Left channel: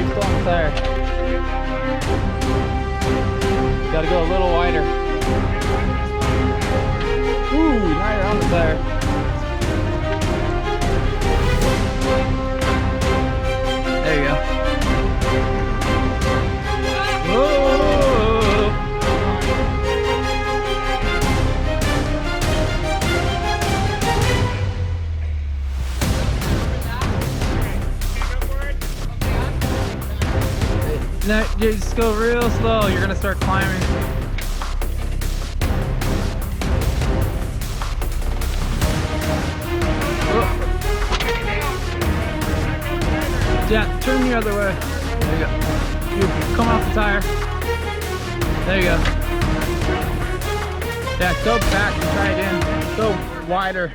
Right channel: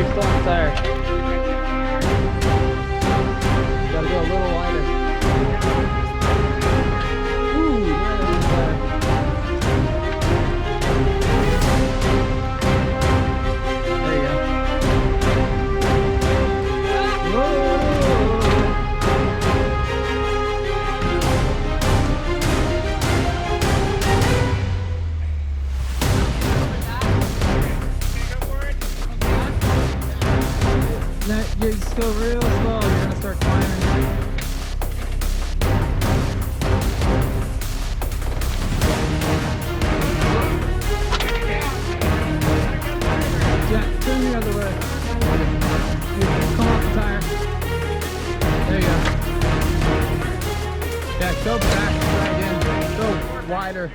you're still on the tire. You gotta go a little wider. Ooh, now you're on the tire. There you go. Whoa! No, you just go real slow. You're gonna start climbing. Yeah, turn the other way. There you go. You come off the tire. There you go. Yeah, go back. Try again. Go wider.